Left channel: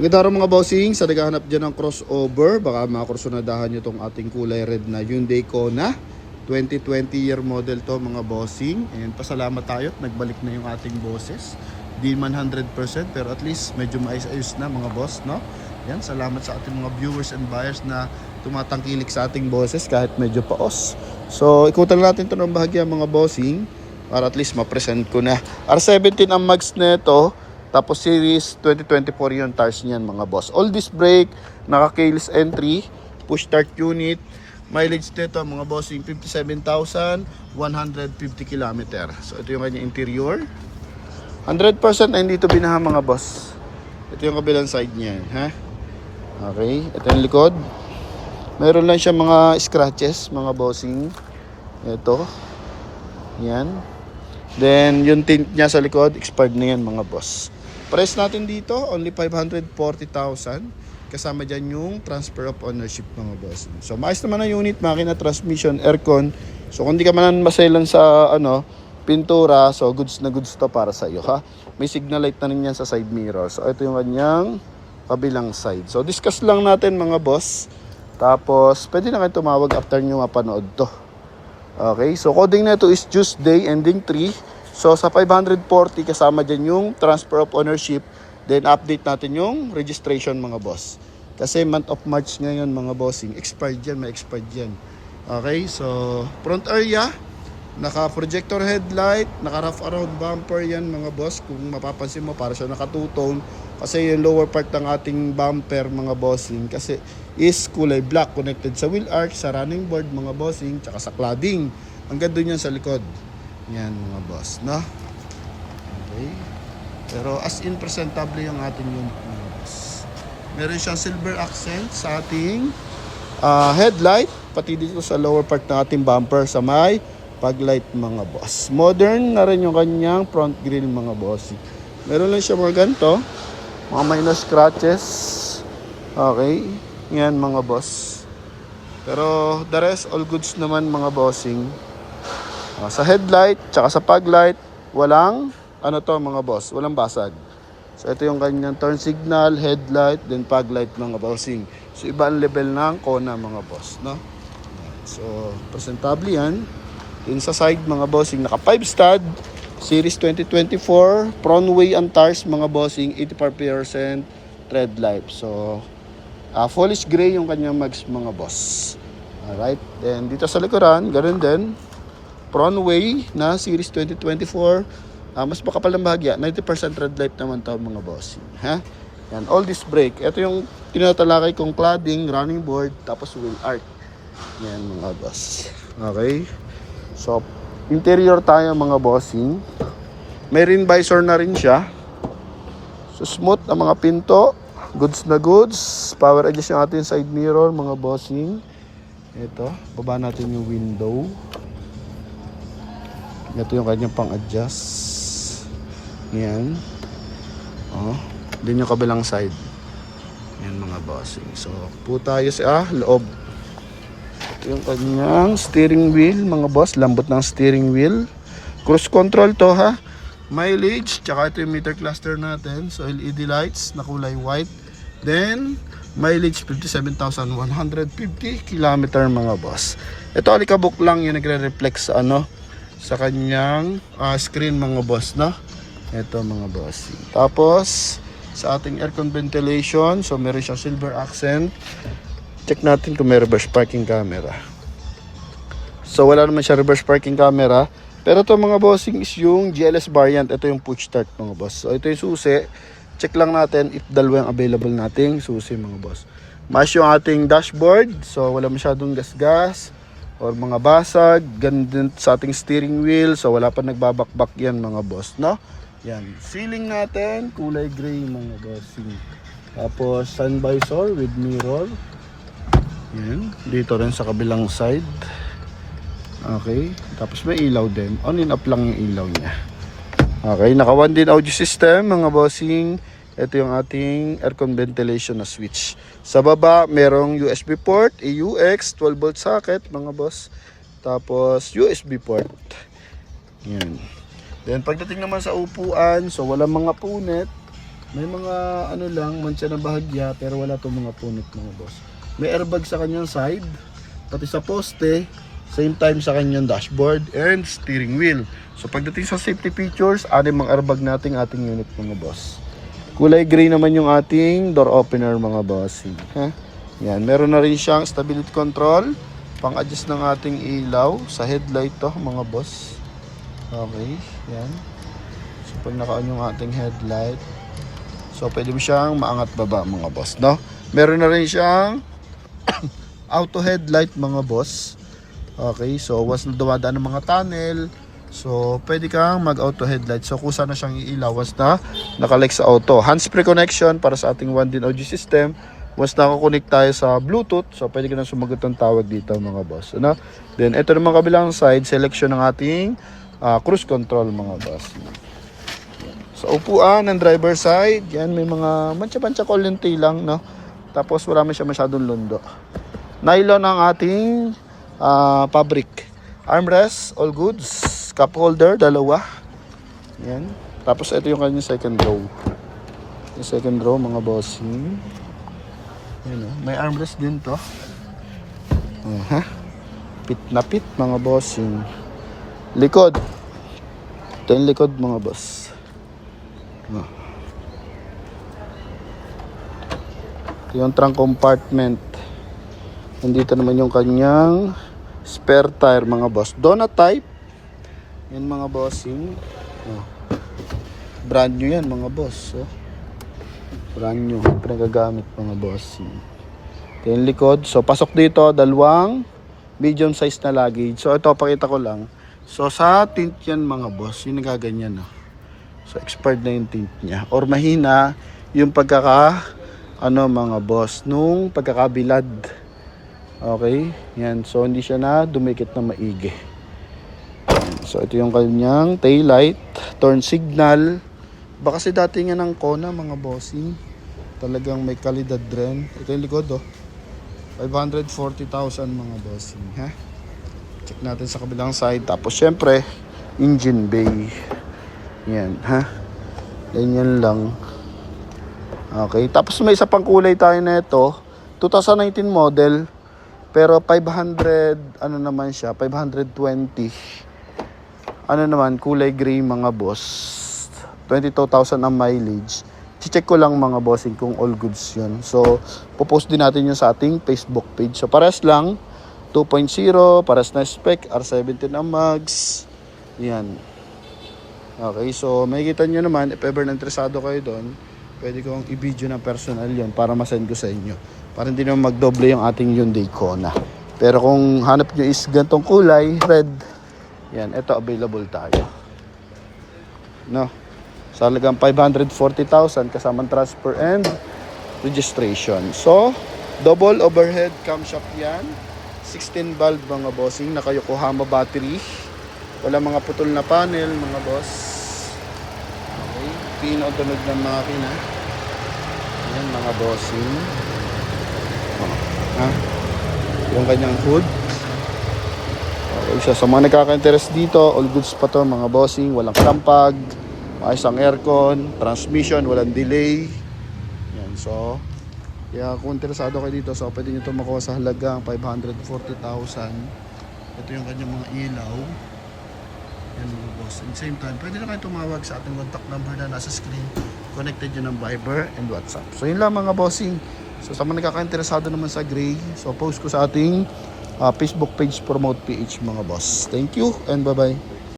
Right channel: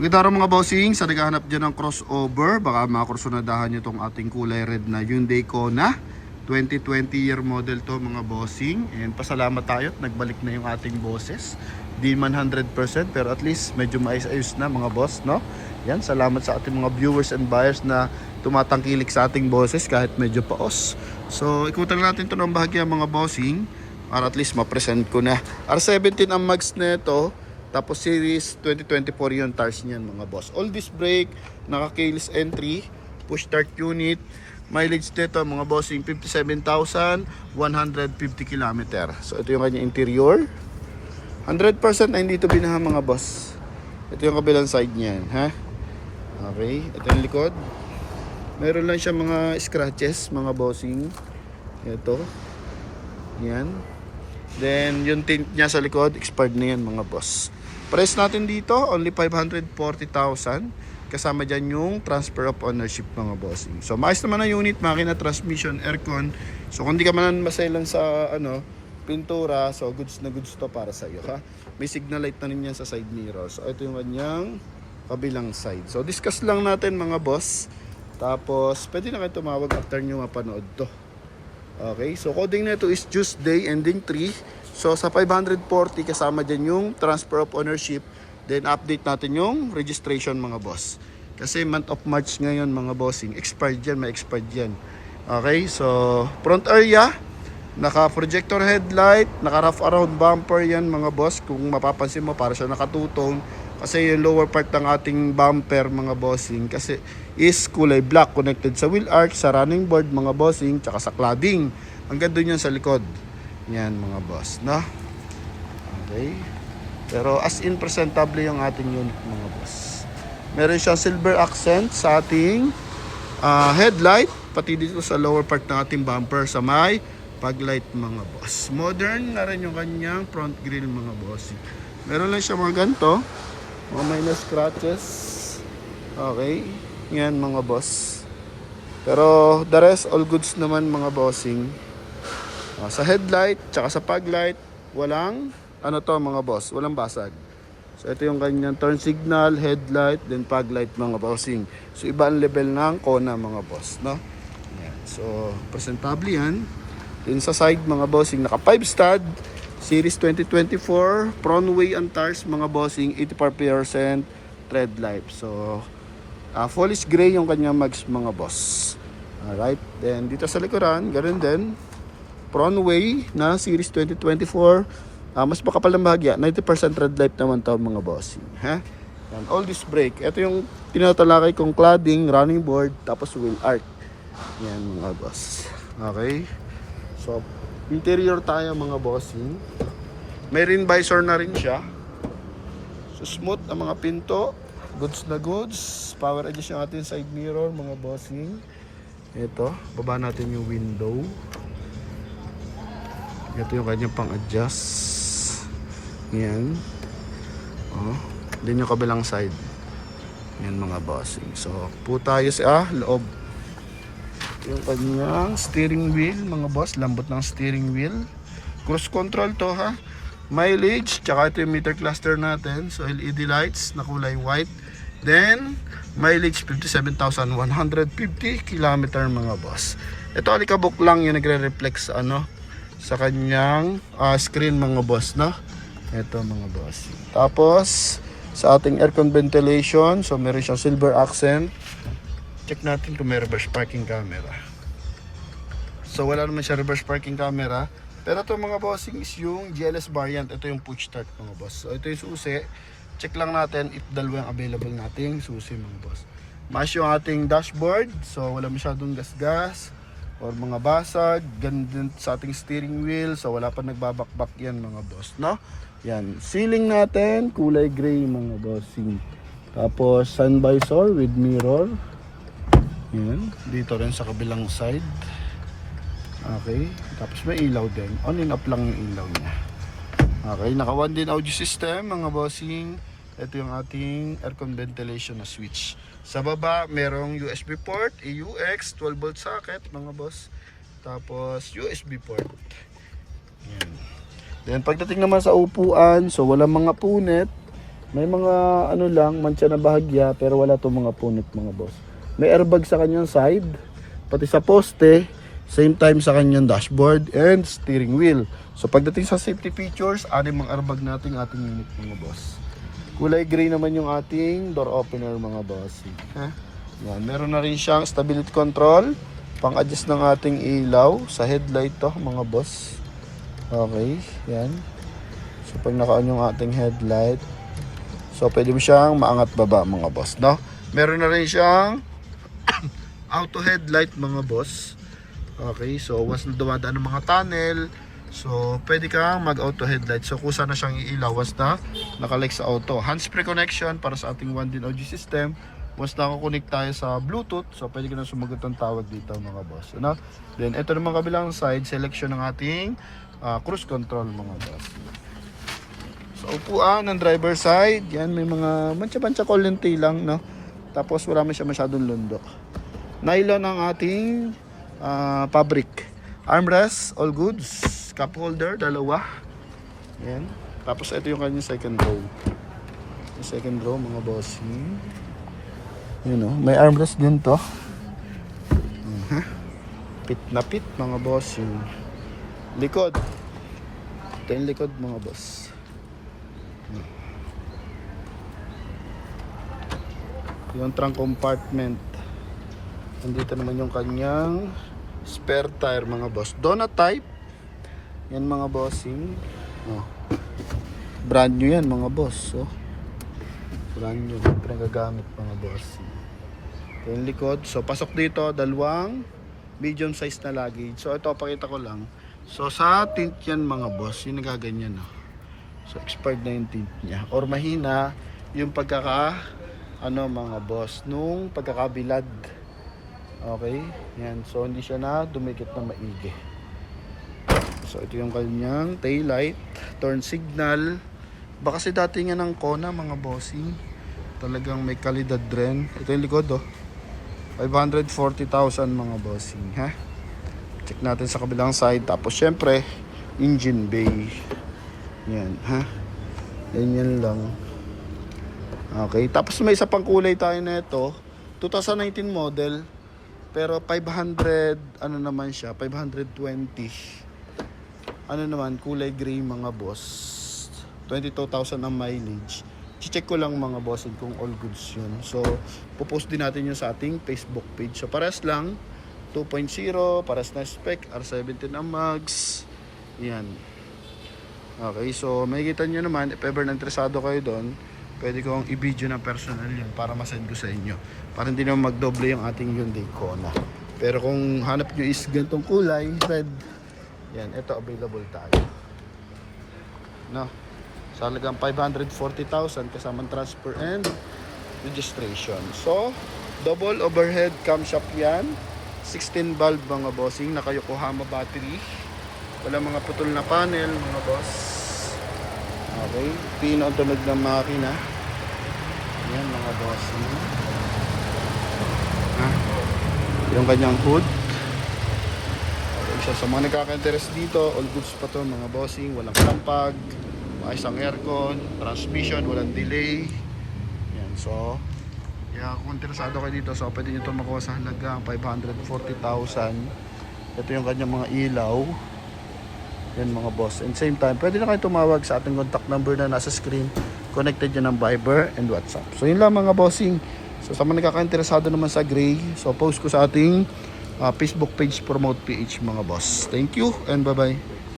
Magandang araw mga bossing, sa naghahanap dyan ng crossover, baka makursunadahan nyo itong ating kulay red na Hyundai Kona 2020 year model to mga bossing. And pasalamat tayo at nagbalik na yung ating bosses. Di man 100% pero at least medyo maayos-ayos na mga boss, no? Yan, salamat sa ating mga viewers and buyers na tumatangkilik sa ating bosses kahit medyo paos. So ikutan natin ito ng bahagya mga bossing para at least ma-present ko na. R17 ang mags nito. Tapos series 2024 yung tires niyan mga boss. All disc brake, naka-keyless entry, push start unit. Mileage nito mga bossing 57,150 km. So ito yung kanya interior. 100% na hindi ito binaha mga boss. Ito yung kabilang side niyan, ha? Okay, ito yung likod. Meron lang siya mga scratches mga bossing. Ito. Yan. Then yung tint niya sa likod, expired na yan mga boss. Price natin dito, only 540,000. Kasama dyan yung transfer of ownership mga bossing. So maayos naman ang unit, makina, transmission, aircon. So kung di ka man maselan sa pintura, so goods na goods to para sa iyo, ha. May signal light na rin yan sa side mirror. So ito yung kanyang kabilang side. So discuss lang natin mga boss. Tapos pwede na kayo tumawag after nyo mapanood to. Okay, so coding na ito is Tuesday ending 3. So sa 540 kasama dyan yung transfer of ownership. Then update natin yung registration mga boss. Kasi month of March ngayon mga bossing. Expired yan, may expired yan. Okay, so front area. Naka projector headlight. Naka rough around bumper yan mga boss. Kung mapapansin mo para siya naka two-tone. Kasi yung lower part ng ating bumper mga bossing. Kasi is kulay black. Connected sa wheel arch, sa running board mga bossing. Tsaka sa cladding. Hanggang doon yan sa likod. Yan mga boss, no? Okay. Pero as in presentable yung ating unit mga boss. Meron siyang silver accent sa ating headlight. Pati dito sa lower part ng ating bumper sa may paglight mga boss. Modern na rin yung kanyang front grille mga boss. Meron lang siya mga ganito. Mga minor scratches. Okay. Yan mga boss. Pero the rest all goods naman mga bossing. Sa headlight, tsaka sa paglight, walang, mga boss, walang basag. So, ito yung kanyang turn signal, headlight, then paglight mga bossing. So, iba ang level ng Kona mga boss, no? Yan. So, presentable yan. Then sa side mga bossing, naka 5 stud, series 2024, Pronway and tires mga bossing, 84% tread life. So, polish gray yung kanyang mags mga boss. Alright, then dito sa likuran, ganun din. Pronway na series 2024, mas makapal ng bahagya, 90% red light naman to mga bossing, ha? Yan, all this brake. Ito yung tinatalakay kong cladding, running board, tapos wheel arch. Yan mga boss. Okay. So, interior tayo mga bossing. May rin visor na rin siya. So, smooth ang mga pinto. Goods na goods. Power adjust yung ating side mirror mga bossing. Ito, baba natin yung window. Ito yung kanyang pang-adjust. Yan. Din yung kabilang side. Yan mga bossing. So, po tayo sa loob. Ito yung kanyang steering wheel mga boss. Lambot ng steering wheel. Cruise control to, ha. Mileage. Tsaka ito yung meter cluster natin. So, LED lights na kulay white. Then, mileage 57,150 km mga boss. Ito alikabok lang yung nagre-reflect sa kanyang screen mga boss, no? Ito mga boss. Tapos sa ating aircon ventilation, so meron siyang silver accent. Check natin kung may reverse parking camera. So wala naman siya reverse parking camera. Pero ito mga bossing is yung GLS variant. Ito yung push start mga boss. So ito yung susi. Check lang natin if dalawa yung available nating susi mga boss. Mas yung ating dashboard. So wala masyadong gas-gas or mga basag, ganun sa ating steering wheel, so wala pa nagbabakbak yan mga boss, no? Yan, ceiling natin, kulay gray mga bossing. Tapos sun visor with mirror. Yan, dito rin sa kabilang side. Okay, tapos may ilaw din. On and off lang yung ilaw niya. Okay, naka 1 din audio system mga bossing. Ito yung ating aircon ventilation na switch. Sa baba, merong USB port, AUX, 12 volt socket mga boss. Tapos USB port. Yan. Then pagdating naman sa upuan, so wala mga punit. May mga ano lang, mancha na bahagya pero wala tong mga punit mga boss. May airbag sa kanyang side, pati sa poste, same time sa kanyang dashboard and steering wheel. So pagdating sa safety features, ano mga airbag nating ating unit mga boss. Kulay gray naman yung ating door opener mga boss. Yan, meron na rin siyang stability control, pang-adjust ng ating ilaw sa headlight to mga boss. Okay, yan. So pag naka-on yung ating headlight, so pwede mo siyang maangat baba mga boss, no? Meron na rin siyang auto headlight mga boss. Okay, so once na dumadaan ng mga tunnel, so pwede kang mag-auto headlight. So kusa na siyang iilaw once na nakalike sa auto. Hands-free connection para sa ating 1DIN audio system. Once nakakonect tayo sa Bluetooth, so pwede ka na sumagot ng tawag dito mga boss. Ano? Then ito naman kabilang side, selection ng ating cruise control mga boss. Sa upuan ng driver side, yan may mga mancha-mancha kolente lang, no? Tapos wala man siya masyadong lundo. Nylon ang ating fabric. Armrest, all goods. Cup holder, dalawa. Yan. Tapos ito yung kanyang second row. Yung second row, mga bossing. Yan, oh. May armrest din to. Pit na pit, mga bossing. Likod. Ito yung likod, mga boss. Yung trunk compartment. Nandito naman yung kanyang spare tire mga boss. Donut type. Yan mga bossing. Brand new yan mga boss. Brand new. Pinagagamit mga bossing. Ito yung likod. So pasok dito dalawang medium size na luggage. So ito pakita ko lang. So sa tint yan mga boss. Yung nagaganyan So expired na yung tint niya. Or mahina yung mga boss nung pagkakabilad. Okay? Yan. So hindi siya na dumikit na maigi. So ito yung kanyang tail light, turn signal. Baka kasi dati nga ng Kona mga bossing. Talagang may kalidad rin. Ito yung likod 540,000 mga bossing, ha? Check natin sa kabilang side. Tapos syempre, engine bay. Yan, ha? Ganyan lang. Okay, tapos may isa pang kulay tayo na ito. 2019 model. Pero 500, ano naman siya, 520. Ano naman, kulay gray mga boss. 22,000 ang mileage. Check ko lang mga bossing kung all goods yun. So, popost din natin yun sa ating Facebook page. So, pares lang. 2.0, pares na spec, R17 ang mags. Yan. Okay, so makikita nyo naman, if ever na interesado kayo doon, pwede kong i-video ng personal yun para masend ko sa inyo. Para hindi naman magdoble yung ating Hyundai Kona. Pero kung hanap nyo is gantong kulay, red, yan, ito available tayo. No? Sa halagang 540,000 kasamang transfer and registration. So, double overhead camshaft yan. 16 valve mga bossing, naka Yokohama battery. Wala mga putol na panel mga boss. Okay, pinatunog ng makina. Yan mga bossing. Yung kanyang hood. Okay, sa mga nagkaka-interest dito, all goods pa to mga bossing. Walang klampag, maayos ang aircon, transmission, walang delay. Yan, so kaya kung interesado kayo dito, so pwede nyo ito makuha sa halagang 540,000. Ito yung kanyang mga ilaw. Yan mga boss. And same time, pwede na kayo tumawag sa ating contact number na nasa screen. Connected yun ng Viber and WhatsApp. So yun lang mga bossing. So sa mga nakaka-interesado naman sa gray, so post ko sa ating Facebook page Promote PH mga boss. Thank you and bye bye.